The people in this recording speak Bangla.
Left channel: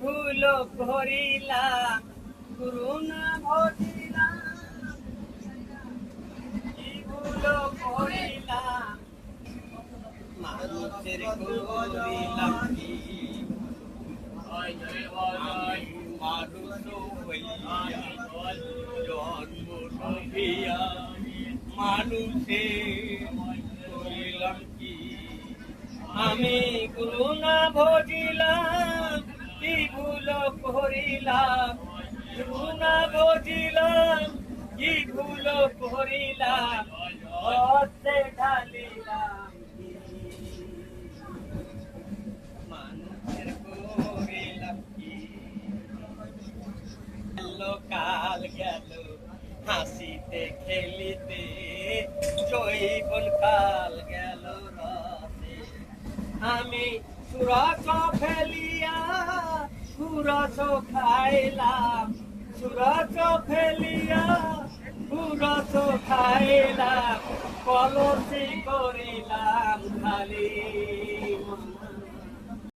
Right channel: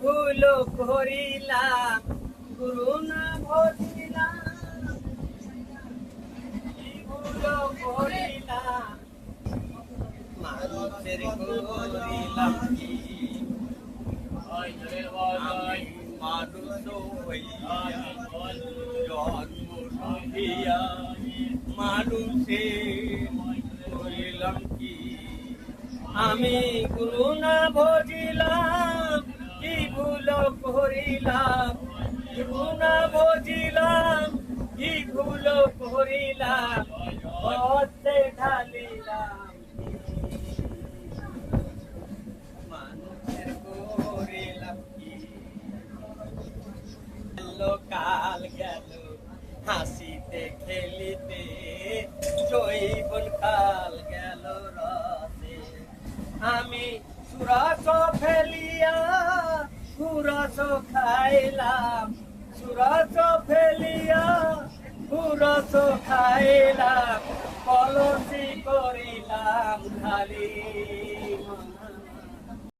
ভুল করিলাম গুরু না ভজিলাম, কি ভুল করিলাম মানুষের করিলাম কি, মানুষ হইয়া জন্ম হইয়া মানুষের করিলাম কি, আমি গুরু না ভজিলাম কি ভুল করিলাম, গুরু না ভজিলাম কি ভুল করিলাম, হতে ঢালিলাম মানুষের করিলাম কি। কাল গেল হাসিতে খেলিতে, জৈবন কাল গেল রাতে, আমি সুরস ফেলিয়া সুরস খাইলাম, সুরস ফেলিয়া সুরস খাইলাম, কলসি করিলাম খালি।